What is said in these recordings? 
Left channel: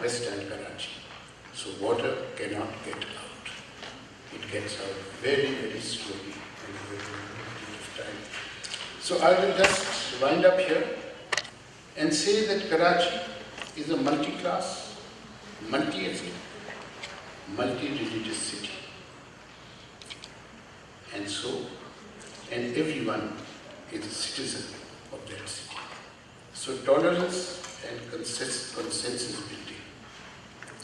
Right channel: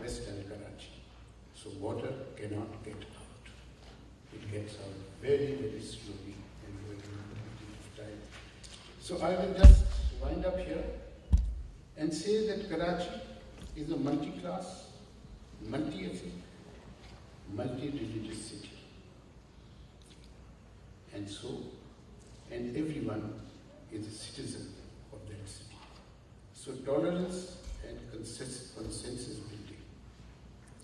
western Karachi. So water cannot get out. It gets out very, very slowly and over a period of time. So I will just wind up here and say that Karachi is a multi-class, multi-ethnic, multi-religious city. And everyone is a citizen of that city. So tolerance and consensus building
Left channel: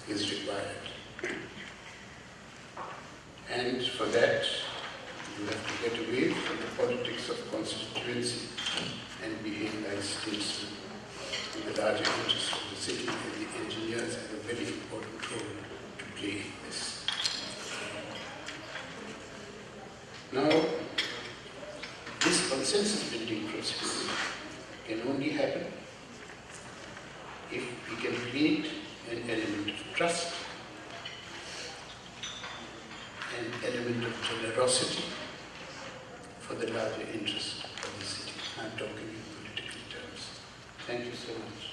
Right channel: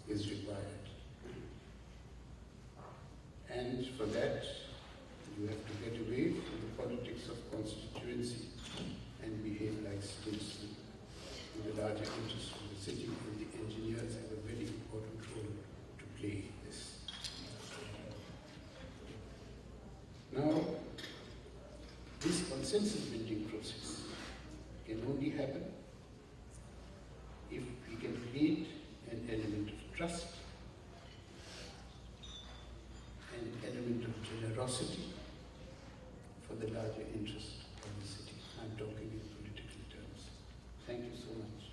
is required. And for that, you have to get away from the politics of constituency and behave like statesmen in the larger interests of the city, and the engineers have a very important role to play in this. Now, this consensus building process can only happen if we can create an element of trust, an element of generosity for the larger interest of the city. I'm talking in political terms. Thank you so much.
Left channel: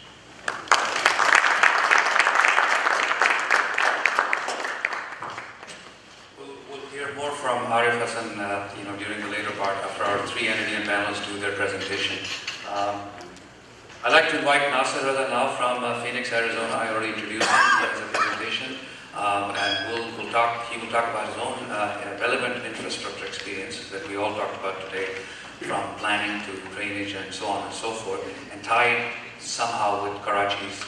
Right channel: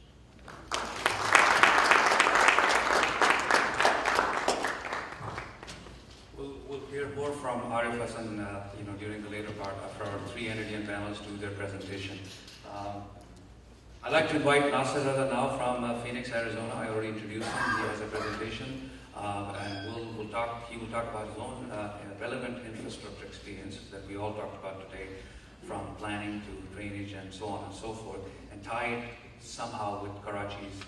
We'll hear more from Arif Hassan during the later part after our three NEDina panelists do their presentation. I'd like to invite Nasser Reza now from Phoenix, Arizona. I already introduced him. He has a presentation, and he will talk about his own relevant infrastructure experience that we all talked about today, from planning to drainage and so on and so forth, and tie it somehow with Karachi's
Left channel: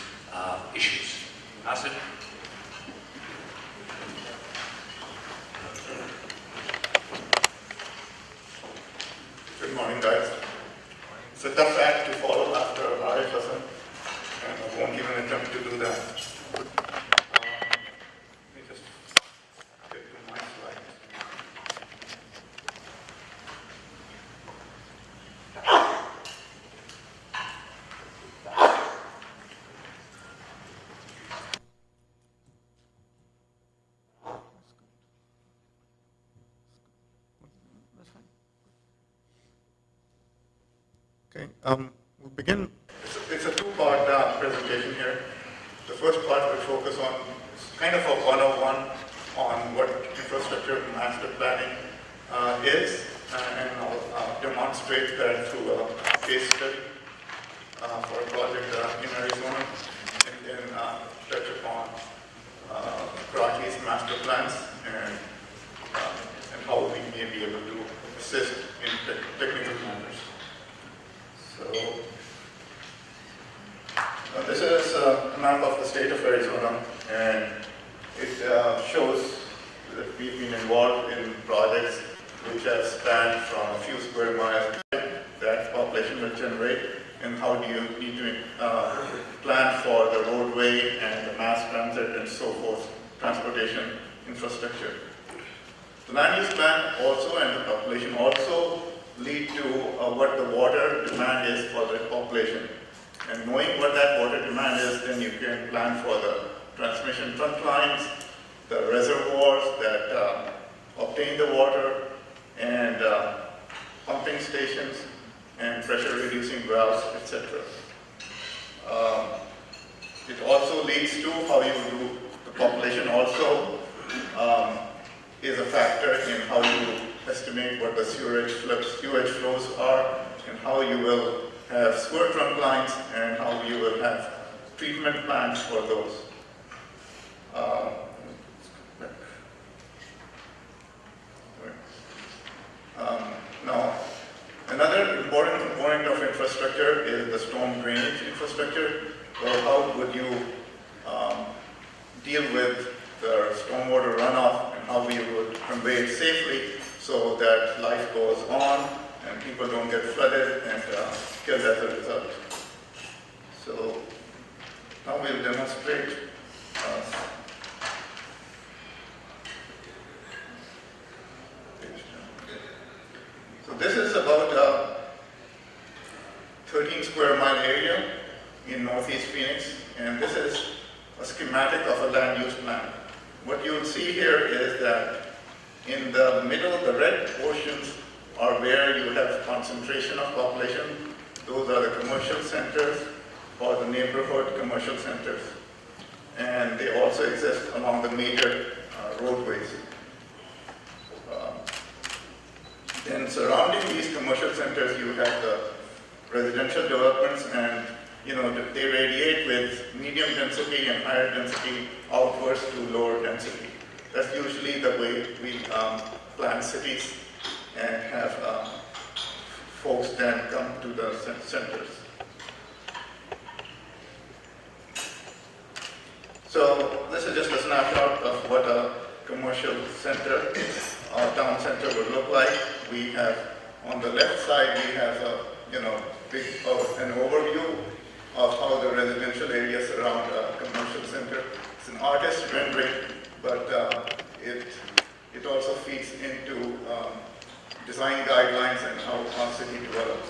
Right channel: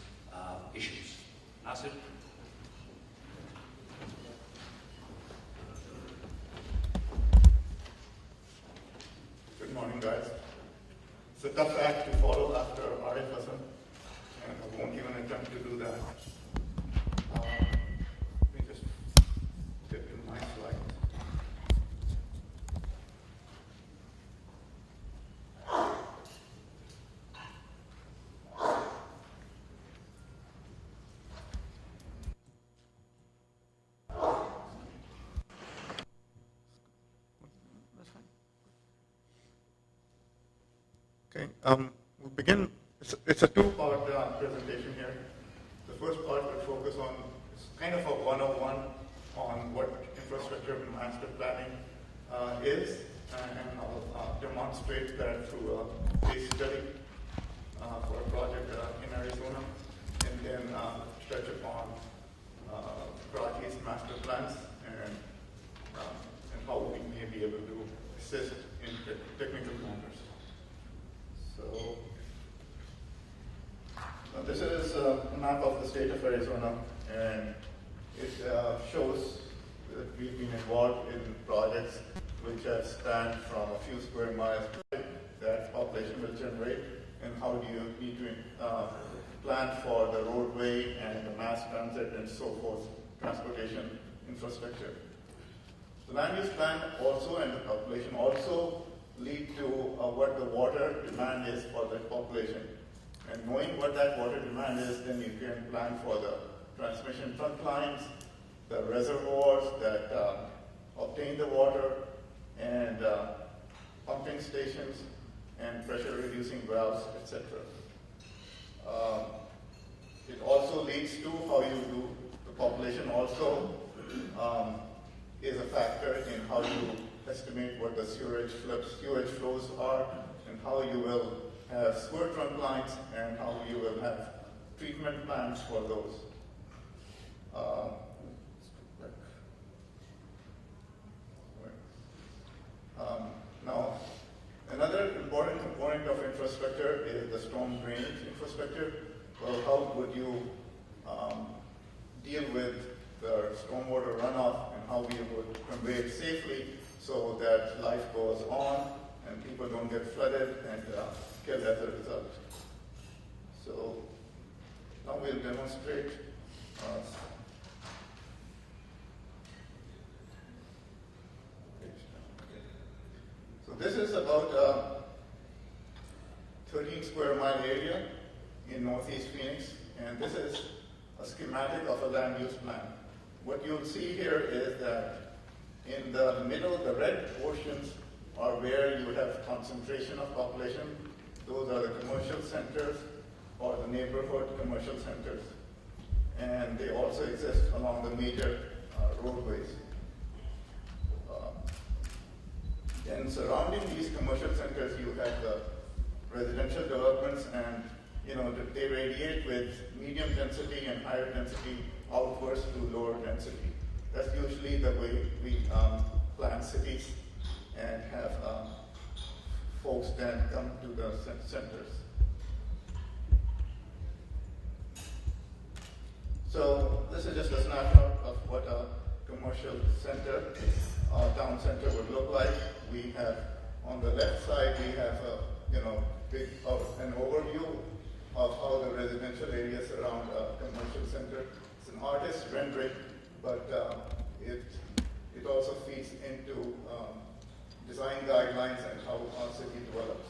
issues. Nasser? Good morning, guys. It's a tough act to follow after Arif Hassan, and I won't even attempt to do that. Let me just get to my slide. Okay, we'll begin. It's a two-part presentation here. The first part will focus on kind of a 101 on what infrastructure master planning is, and I'll demonstrate that through a case study for a project in Arizona, and then touch upon Karachi's master plans and how we may be able to assist in technical matters. So this is a map of the state of Arizona, and it shows that we've been involved in projects which have spanned from a few square miles that population will generate, and how do you need to plan for the roadway and the mass transit and so forth, transportation infrastructure. The land use plan also and the population also lead to what the water demand is for the population. And knowing what that water demand is, then you can plan for the transmission trunk lines, the reservoirs that obtain the water, and pumping stations, and pressure reducing valves, etc. It also leads to how you do the population also is a factor in how you estimate what the sewage flows are, and how you will have sewer trunk lines, and how you will have treatment plans for those. Now, another important component of infrastructure is the storm drainage infrastructure. So how would you deal with the stormwater runoff, and how we would convey it safely so that life goes on and people don't get flooded and killed as a result. So now we'll demonstrate. So this is about a 13 square mile area in Northeast Phoenix, and this is a schematic of a land use plan. What you'll see here is that in the middle, the red portions are where you have concentration of population. Those are the commercial centers or the neighborhood commercial centers. and they also exist along the major roadways. Then surrounding these commercial centers, you have the residential developments, and they radiate with medium density and higher density outwards to lower density. That's usually the way we plan cities and have folks then come to the centers. So this is just a snapshot of what a commercial center, town center would look like. We have, on the left side, we have an overview of how the residential areas surround a commercial center. It's an artist rendering, but it also feeds into design guidelines and how our city develops.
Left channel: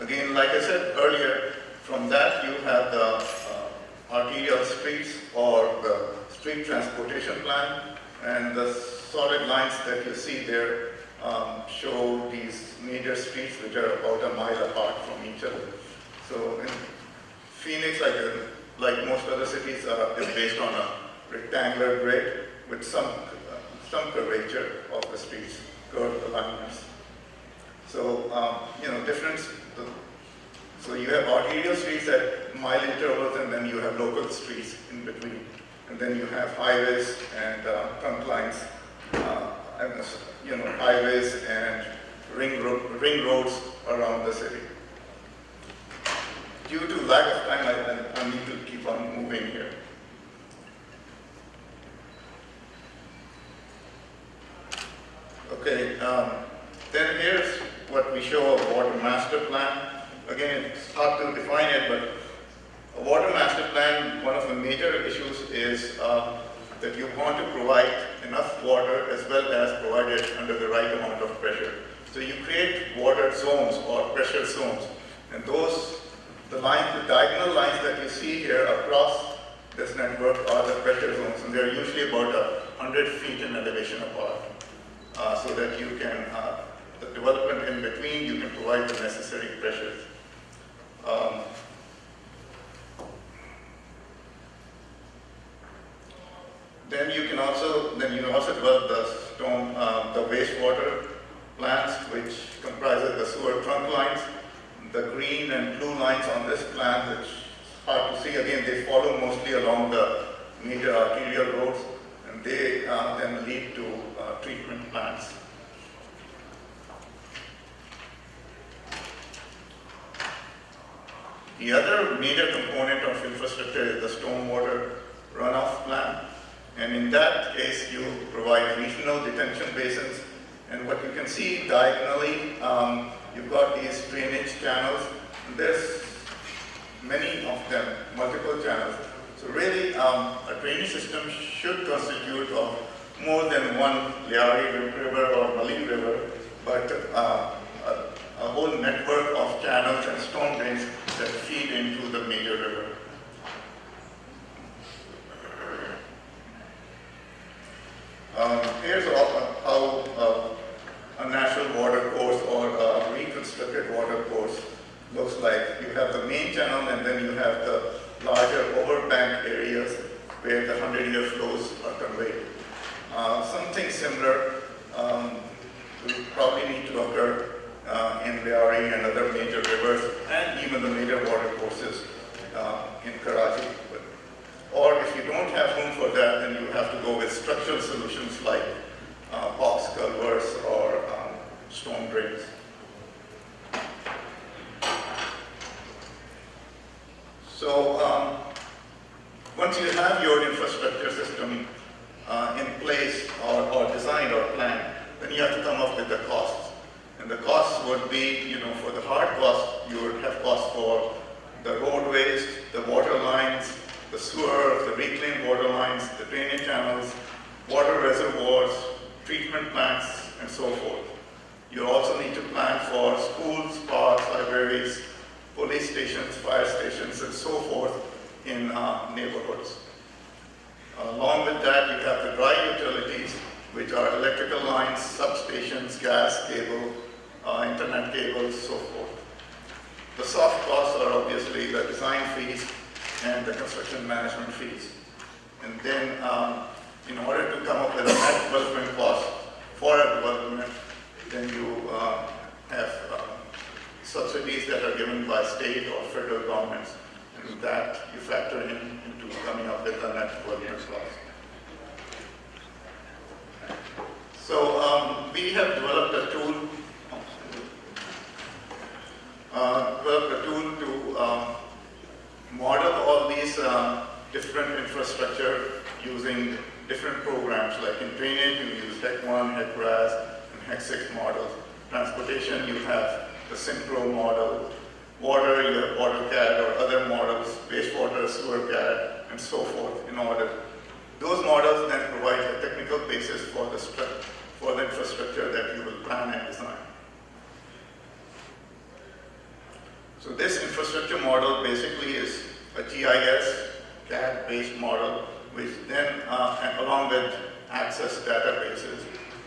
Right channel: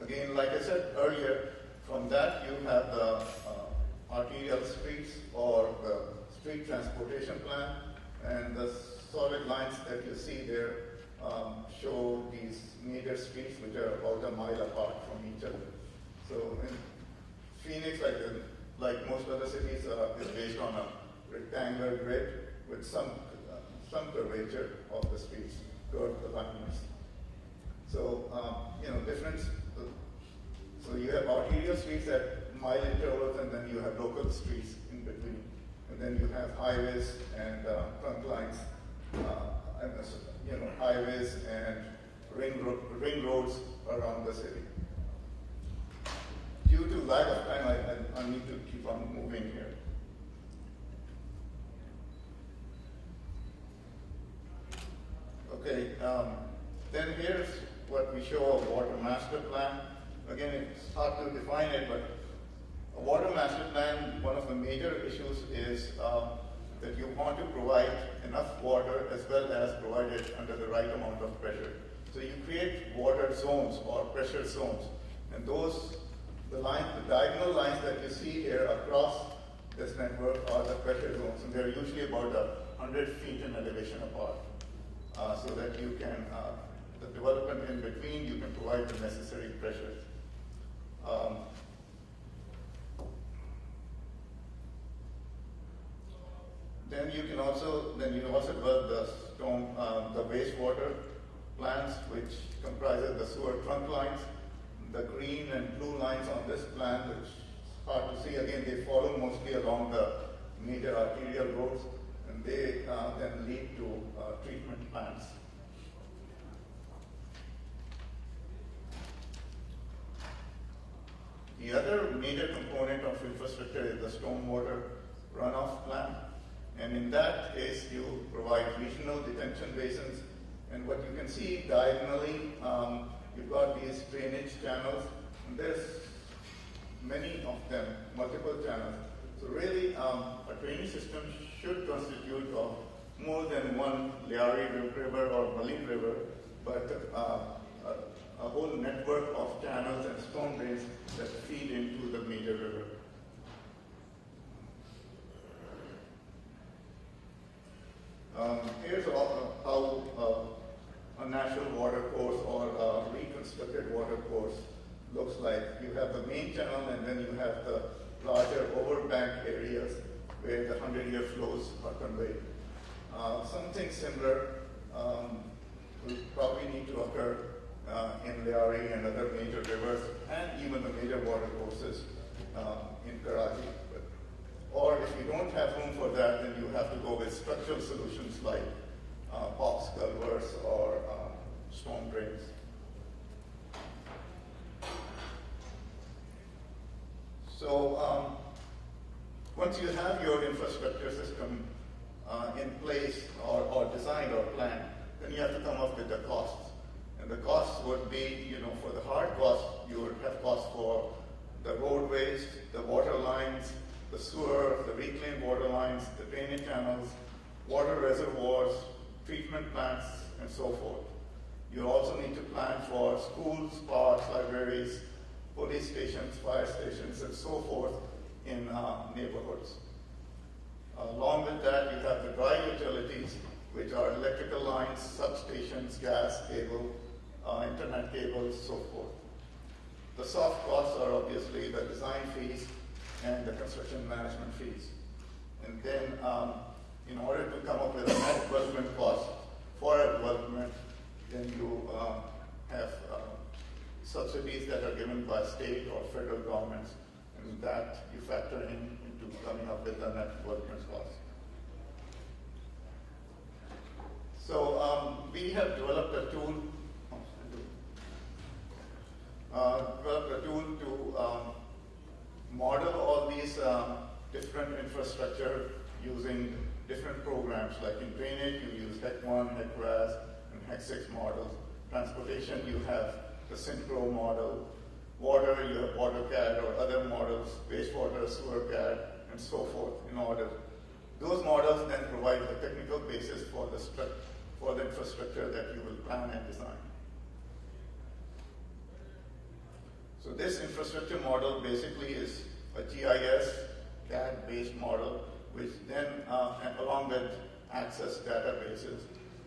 Again, like I said earlier, from that you have the arterial streets or the street transportation plan, and the solid lines that you see there show these major streets which are about a mile apart from each other. So in Phoenix, like most other cities, is based on a rectangular grid with some curvature of the streets, curved alignments. So difference. So you have arterial streets at mile intervals, and then you have local streets in between, and then you have highways and trunk lines, highways and ring roads around the city. Due to lack of time, I need to keep on moving here. Okay, then here's what we show a water master plan. Again, it's hard to define it, but a water master plan, one of the major issues is that you want to provide enough water as well as provide it under the right amount of pressure. So you create water zones or pressure zones, and the diagonal lines that you see here across this network are the pressure zones, and they're usually about 100 feet in elevation apart, so that you can, the development in between, you can provide the necessary pressures. Then you also develop the wastewater plants, which comprises the sewer trunk lines. The green and blue lines on this plan, which is hard to see, again, they follow mostly along the major arterial roads, and they then lead to treatment plants. The other major component of infrastructure is the stormwater runoff plan. And in that case, you provide regional detention basins. And what you can see diagonally, you've got these drainage channels. And there's many of them, multiple channels. So really, a drainage system should constitute of more than one Leari River or Maline River, but a whole network of channels and storm drains that feed into the major river. Here's how a natural water course or a reconstructed water course looks like. You have the main channel, and then you have the larger overbank areas where the 100-year flows are conveyed. Something similar will probably need to occur in Leari and other major rivers, and even the major water courses in Karachi. Or if you don't have room for that, then you have to go with structural solutions like box culverts or storm drains. So once you have your infrastructure system in place or designed or planned, then you have to come up with the costs. And the costs would be, for the hard costs, you would have costs for the roadways, the water lines, the sewer, the reclaimed water lines, the drainage channels, water reservoirs, treatment plants, and so forth. You also need to plan for schools, parks, libraries, police stations, fire stations, and so forth in neighborhoods. Along with that, you have the dry utilities, which are electrical lines, substations, gas cable, internet cables, so forth. basically the design fees and the construction management fees. And then in order to come up with a net development cost for a development, then you have subsidies that are given by state or federal governments, and that you factor into coming up with a net development cost. So we have developed a tool to model all these different infrastructure using different programs. Like in drainage, you use HEC1, HEC-RAS, and HEC6 models. Transportation, you have the Synchro model. Water, you have AutoCAD or other models, wastewater, SewerCAD, and so forth in order. Those models then provide a technical basis for the infrastructure that you will plan and design. So this infrastructure model basically is a GIS, CAD-based model, which then, and along with access databases,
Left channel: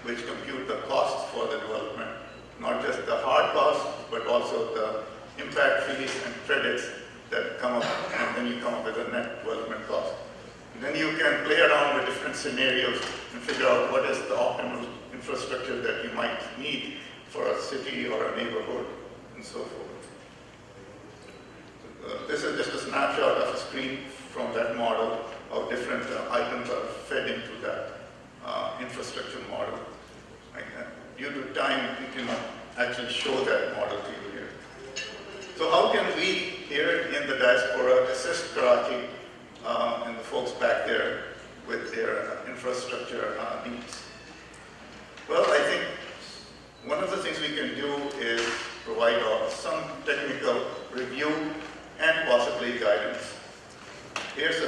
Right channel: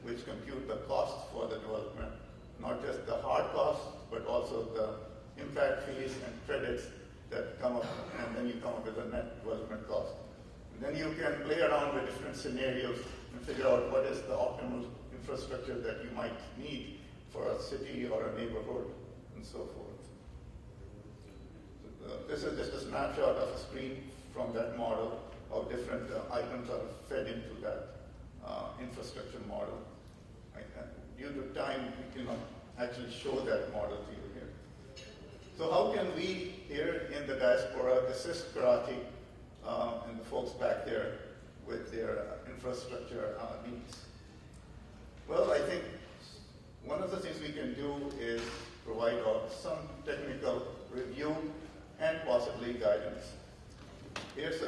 which compute the costs for the development, not just the hard costs, but also the impact fees and credits that come up, and then you come up with a net development cost. And then you can play around with different scenarios and figure out what is the optimal infrastructure that you might need for a city or a neighborhood, and so forth. This is just a snapshot of a screen from that model of different items are fed into that infrastructure model. Due to time, we cannot actually show that model to you here. So how can we here in the diaspora assist Karachi and the folks back there with their infrastructure needs? Well, I think one of the things we can do is provide some technical review and possibly guidance. Here's